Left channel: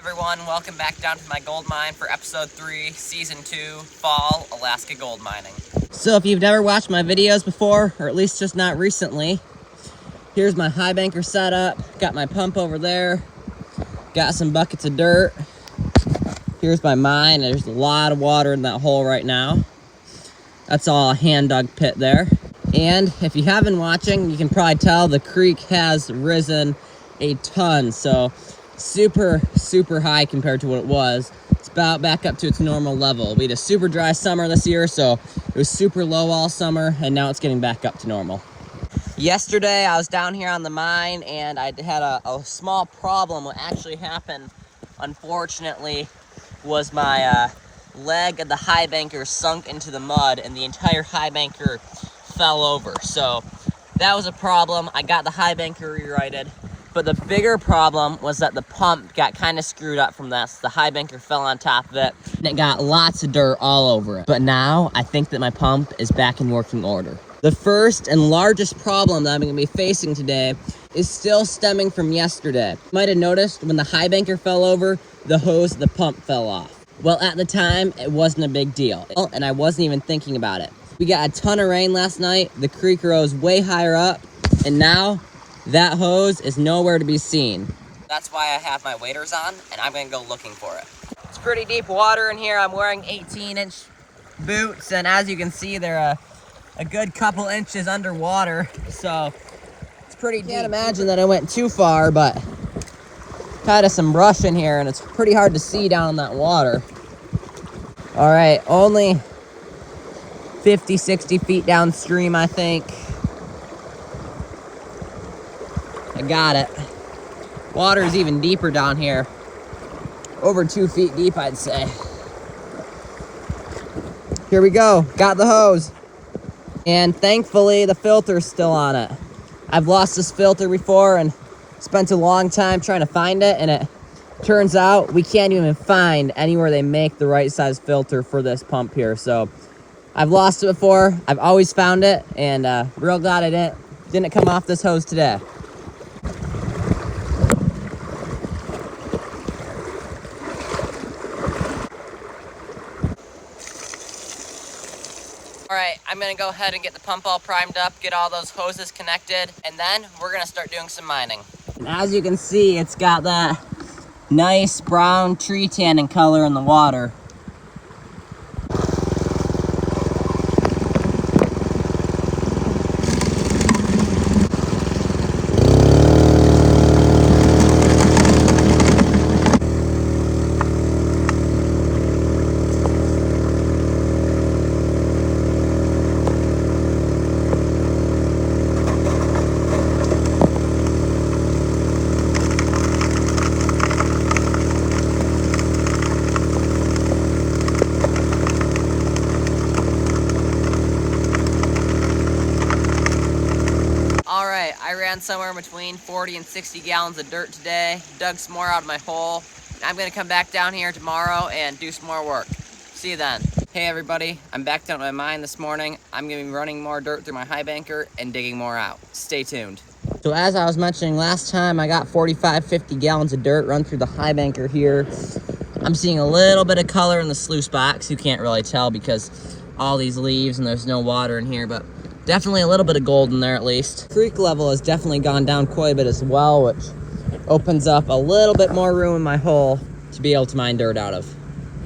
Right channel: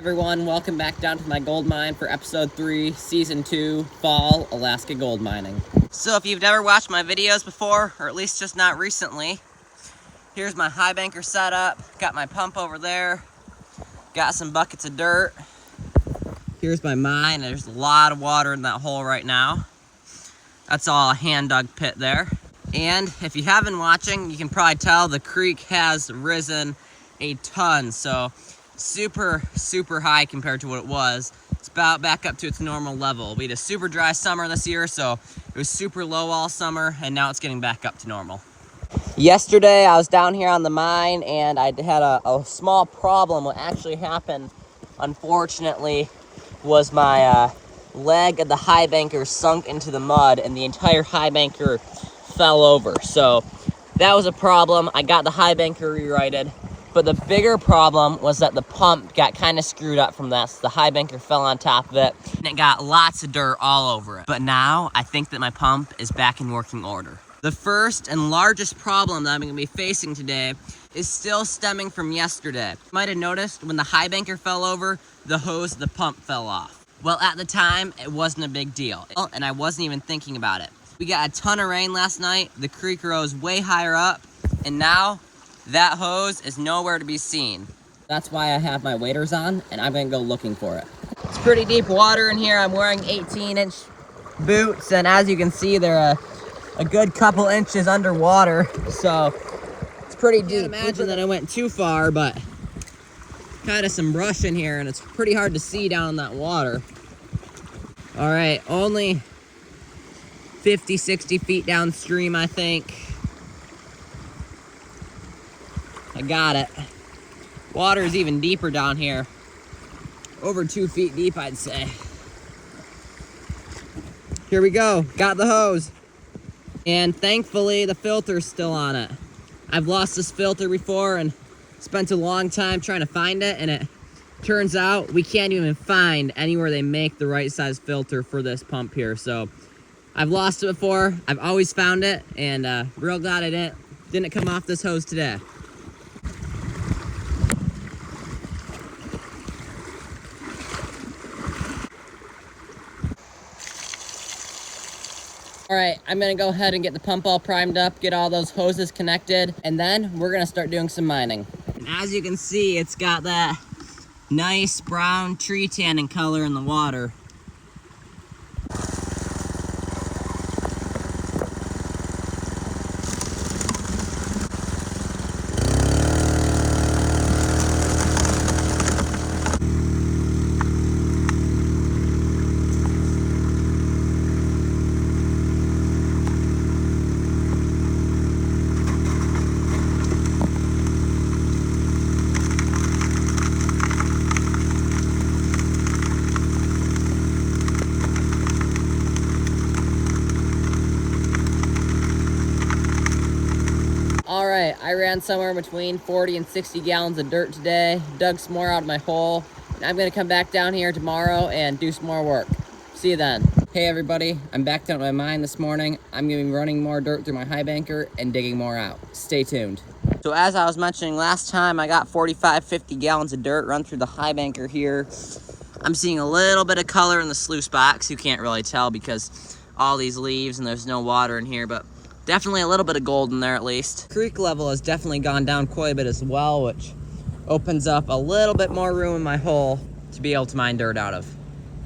Everyone, welcome back down to my gold mine for episode 3, season 2, fall Alaska gold mining. So if you've never watched my videos before, or at least just not recently, here's my high banker setup. Got my pump over there, got some buckets of dirt. Here's my mine. There's a lot of water in that hole right now. That's all a hand dug pit there. And if you have been watching, you can probably tell the creek has risen a ton. So super high compared to what it was. It's about back up to its normal level. We had a super dry summer this year, so it was super low all summer, and now it's getting back up to normal. Yesterday I was down here on the mine and I had a small problem. What actually happened, unfortunately, was my leg of the high banker sunk into the mud and the entire high banker fell over. So that was a problem. I got the high banker rerighted. But the bigger problem was that the pump got kind of screwed up from that. So the high banker fell on top of it, and it got lots of dirt all over it. But now, I think that my pump is back in working order. The first and largest problem that I'm going to be facing today is still stemming from yesterday. You might have noticed when the high banker fell over, the hose of the pump fell off. Well, at the time, it wasn't a big deal, and I wasn't even thinking about it. We got a ton of rain last night, the creek rose way higher up, and now that hose is nowhere to be seen. That's why I have my waders on, and I'm gonna go looking for it. It's pretty deep water in here. I'm wearing 18-inch boots, and as you can see, they're a good couple inches underwater, so it's pretty deep. I can't imagine that I went too far, but kind of some brush in here, and it's pretty hard to see down in that water. All right, only 50, 60 feet downstream, I think. I got it. Water is even deeper down here. Over 2 feet deep, I'd say. Here we go. Got the hose. And thankfully, the filter's still on it. I've lost this filter before and spent a long time trying to find it, and it turns out we can't even find anywhere they make the right size filter for this pump here. So I've lost it before. I've always found it, and real glad I didn't come off this hose today. All right, I'm gonna go ahead and get the pump all primed up, get all those hoses connected, and then we're gonna start doing some mining. And as you can see, it's got that nice brown tree tannin color in the water. I ran somewhere between 40 and 60 gallons of dirt today, dug some more out of my hole, and I'm gonna come back down here tomorrow and do some more work. See you then. Hey everybody, I'm back down at my mine this morning. I'm gonna be running more dirt through my high banker and digging more out. Stay tuned. So as I was mentioning last time, I got 45, 50 gallons of dirt run through the high banker here. I'm seeing a little bit of color in the sluice box. You can't really tell because all these leaves and there's no water in here, but definitely a little bit of gold in there at least. Creek level has definitely gone down quite a bit as well, which opens up a little bit more room in my hole to be able to mine dirt out of.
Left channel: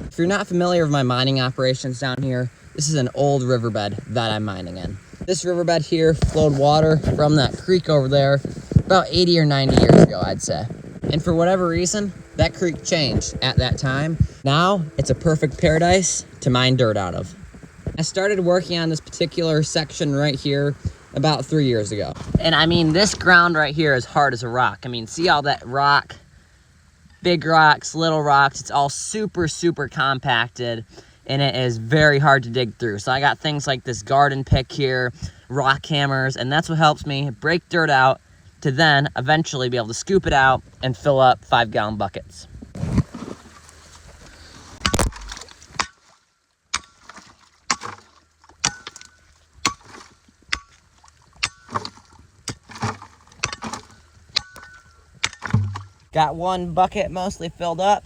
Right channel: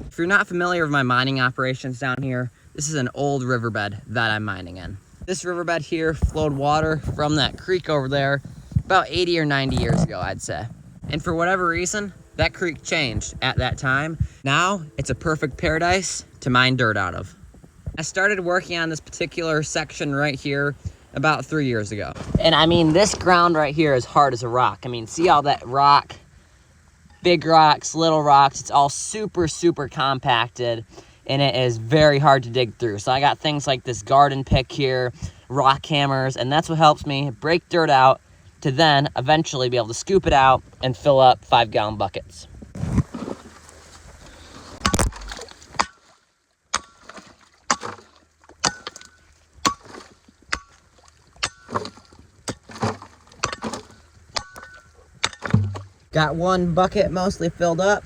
If you're not familiar with my mining operations down here, this is an old riverbed that I'm mining in. This riverbed here flowed water from that creek over there about 80 or 90 years ago, I'd say. And for whatever reason, that creek changed at that time. Now it's a perfect paradise to mine dirt out of. I started working on this particular section right here about 3 years ago. And I mean, this ground right here is hard as a rock. I mean, see all that rock, big rocks, little rocks, it's all super compacted, and it is very hard to dig through. So I got things like this garden pick here, rock hammers, and that's what helps me break dirt out to then eventually be able to scoop it out and fill up 5-gallon buckets. Got one bucket mostly filled up.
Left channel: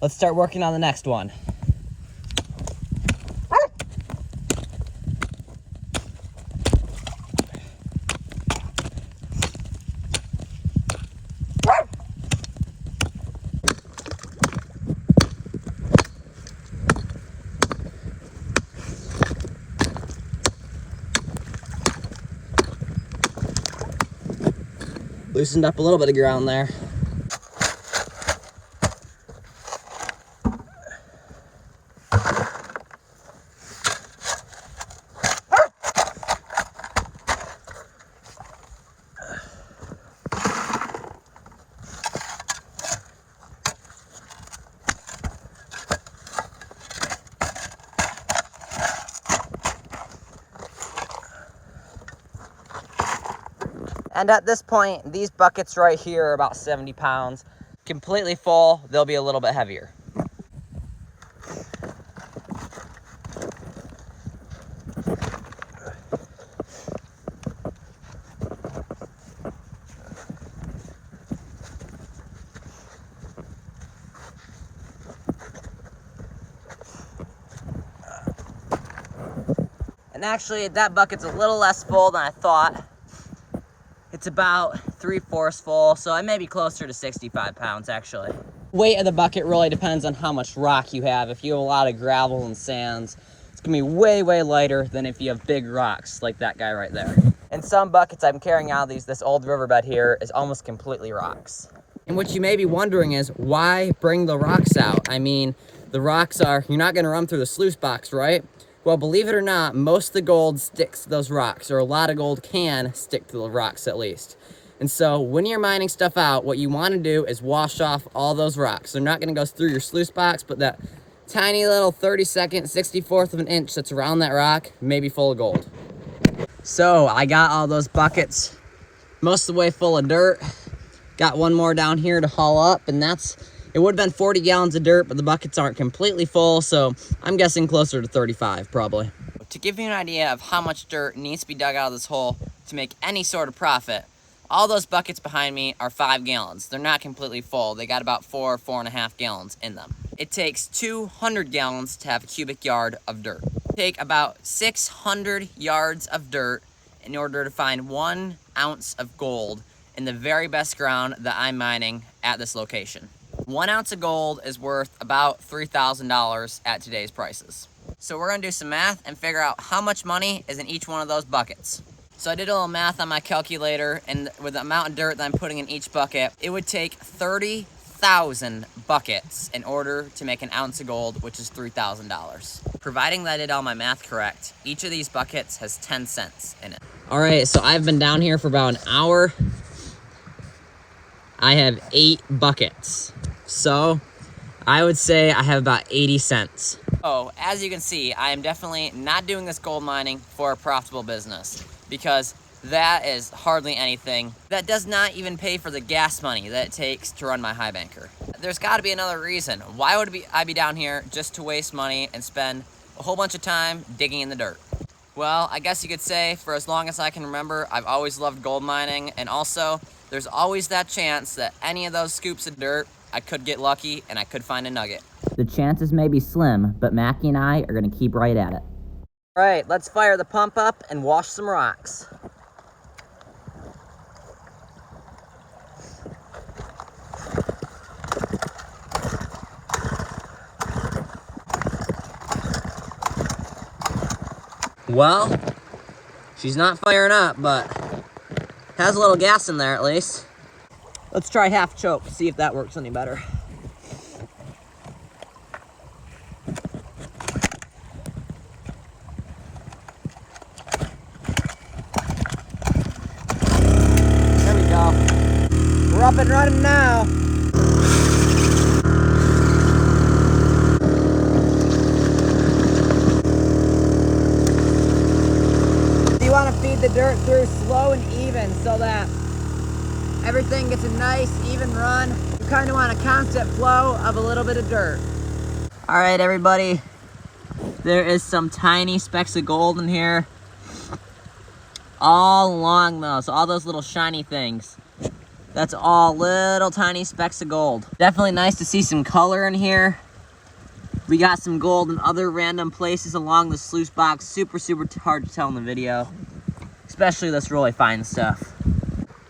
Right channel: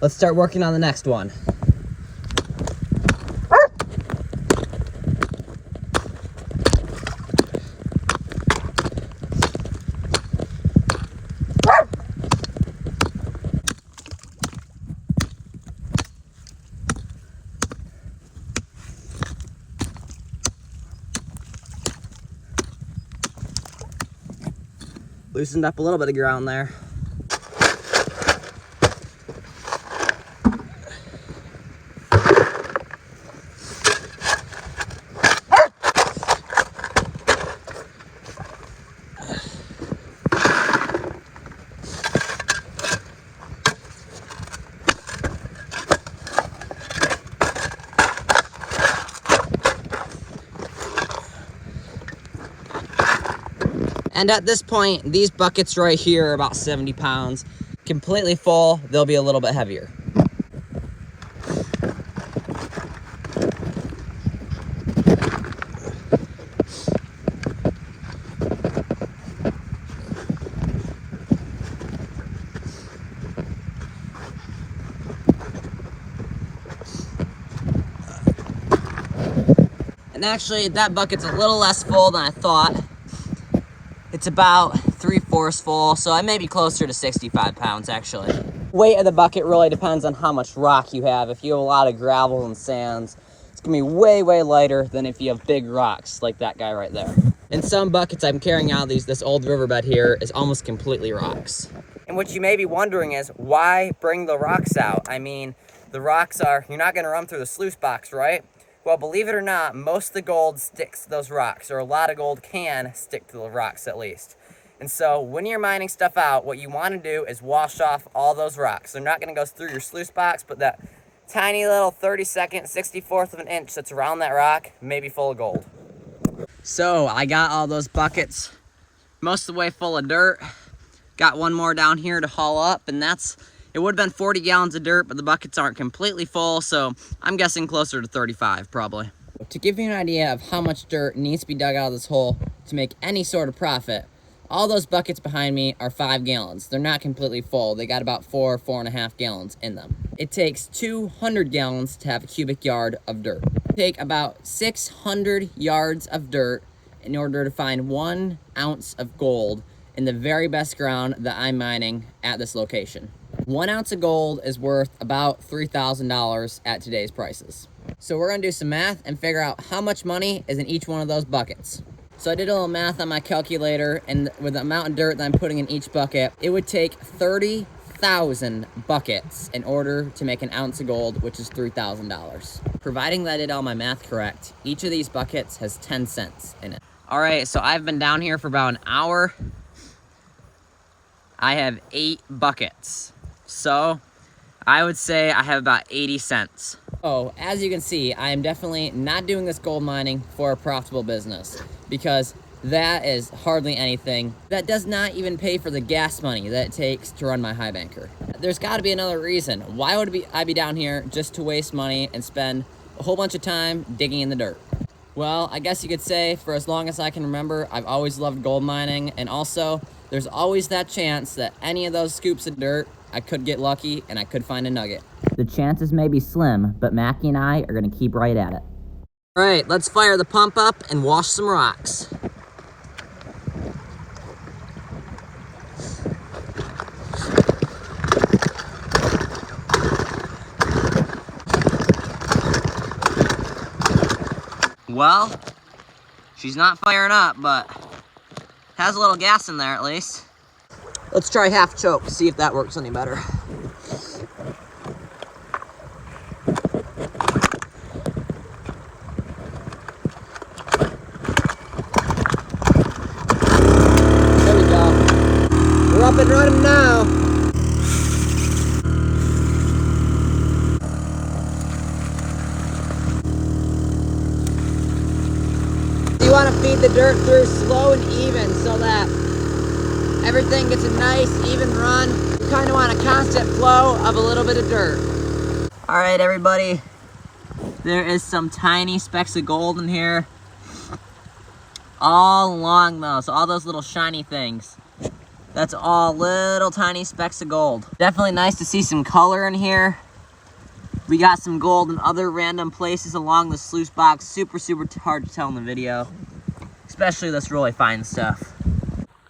Let's start working on the next one. Loosened up a little bit of ground there. And at this point, these buckets right here are about 70 pounds. Completely full, they'll be a little bit heavier. And actually, that bucket's a little less full than I thought. It's about 3/4 full, so I may be closer to 65 pounds actually. Weight of the bucket really depends on how much rock you have. If you have a lot of gravel and sands, it's gonna be way, way lighter than if you have big rocks like that guy right there. In some buckets I'm carrying out this old riverbed here is almost completely rocks. And what you may be wondering is, why bring the rocks out? I mean, the rocks are, you're not gonna run through the sluice box, right? Well, believe it or not, most of the gold sticks to those rocks, or a lot of gold can stick to the rocks at least. And so when you're mining stuff out, what you want to do is wash off all those rocks. They're not going to go through your sluice box, but that tiny little 32nd, 64th of an inch that's around that rock may be full of gold. So I got all those buckets most of the way full of dirt. Got one more down here to haul up, and it would have been 40 gallons of dirt, but the buckets aren't completely full, so I'm guessing closer to 35 probably. To give you an idea of how much dirt needs to be dug out of this hole to make any sort of profit, all those buckets behind me are 5 gallons. They're not completely full. They got about 4.5 gallons in them. It takes 200 gallons to have a cubic yard of dirt. Take about 600 yards of dirt in order to find 1 ounce of gold in the very best ground that I'm mining at this location. 1 ounce of gold is worth about $3,000 at today's prices. So we're gonna do some math and figure out how much money is in each one of those buckets. So I did a little math on my calculator, and with the amount of dirt that I'm putting in each bucket, it would take 30,000 buckets in order to make 1 ounce of gold, which is $3,000. Providing that I did all my math correct, each of these buckets has 10 cents in it. All right, so I've been down here for about an hour. I have 8 buckets. So I would say I have about 80 cents. Oh, as you can see, I am definitely not doing this gold mining for a profitable business, because that is hardly anything. That does not even pay for the gas money that it takes to run my high banker. There's gotta be another reason. Why would I be down here just to waste money and spend a whole bunch of time digging in the dirt? Well, I guess you could say for as long as I can remember, I've always loved gold mining, and also there's always that chance that any of those scoops of dirt, I could get lucky and I could find a nugget. The chances may be slim, but Mackie and I are gonna keep right at it. All right, let's fire the pump up and wash some rocks. Well, she's not firing up, but has a little gas in there at least. Let's try half choke, see if that works any better. There we go. We're up and running now. You want to feed the dirt through slow and even so that everything gets a nice even run. You kind of want a constant flow of a little bit of dirt. All right, everybody. There is some tiny specks of gold in here. All along those, all those little shiny things. That's all little tiny specks of gold. Definitely nice to see some color in here. We got some gold in other random places along the sluice box. Super hard to tell in the video, especially this really fine stuff.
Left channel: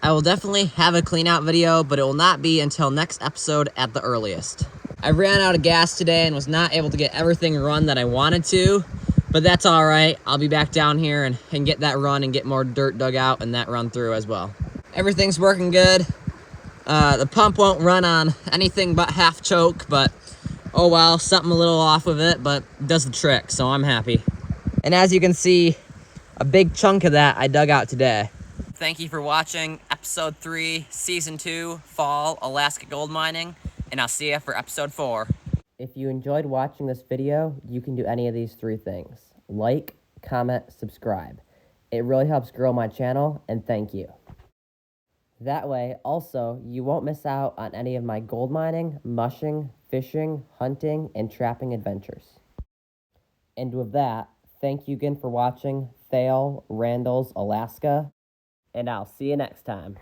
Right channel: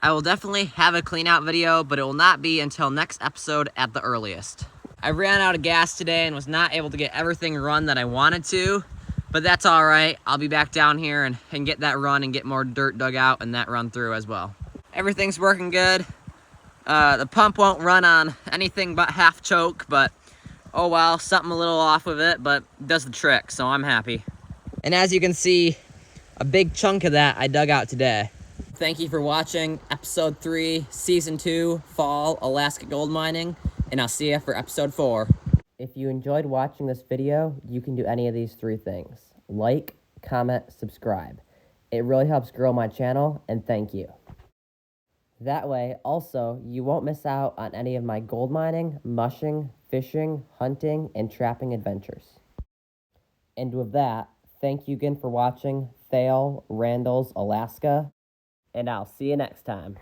I will definitely have a clean out video, but it will not be until next episode at the earliest. I ran out of gas today and was not able to get everything run that I wanted to, but that's all right. I'll be back down here and get that run and get more dirt dug out and that run through as well. Everything's working good. The pump won't run on anything but half choke, but oh well, something a little off with it, but it does the trick, so I'm happy. And as you can see, a big chunk of that I dug out today. Thank you for watching episode 3, season 2, fall Alaska gold mining, and I'll see you for episode 4. If you enjoyed watching this video, you can do any of these 3 things. Like, comment, subscribe. It really helps grow my channel, and thank you. That way, also, you won't miss out on any of my gold mining, mushing, fishing, hunting, and trapping adventures. And with that, thank you again for watching Thale Randall's Alaska, and I'll see you next time.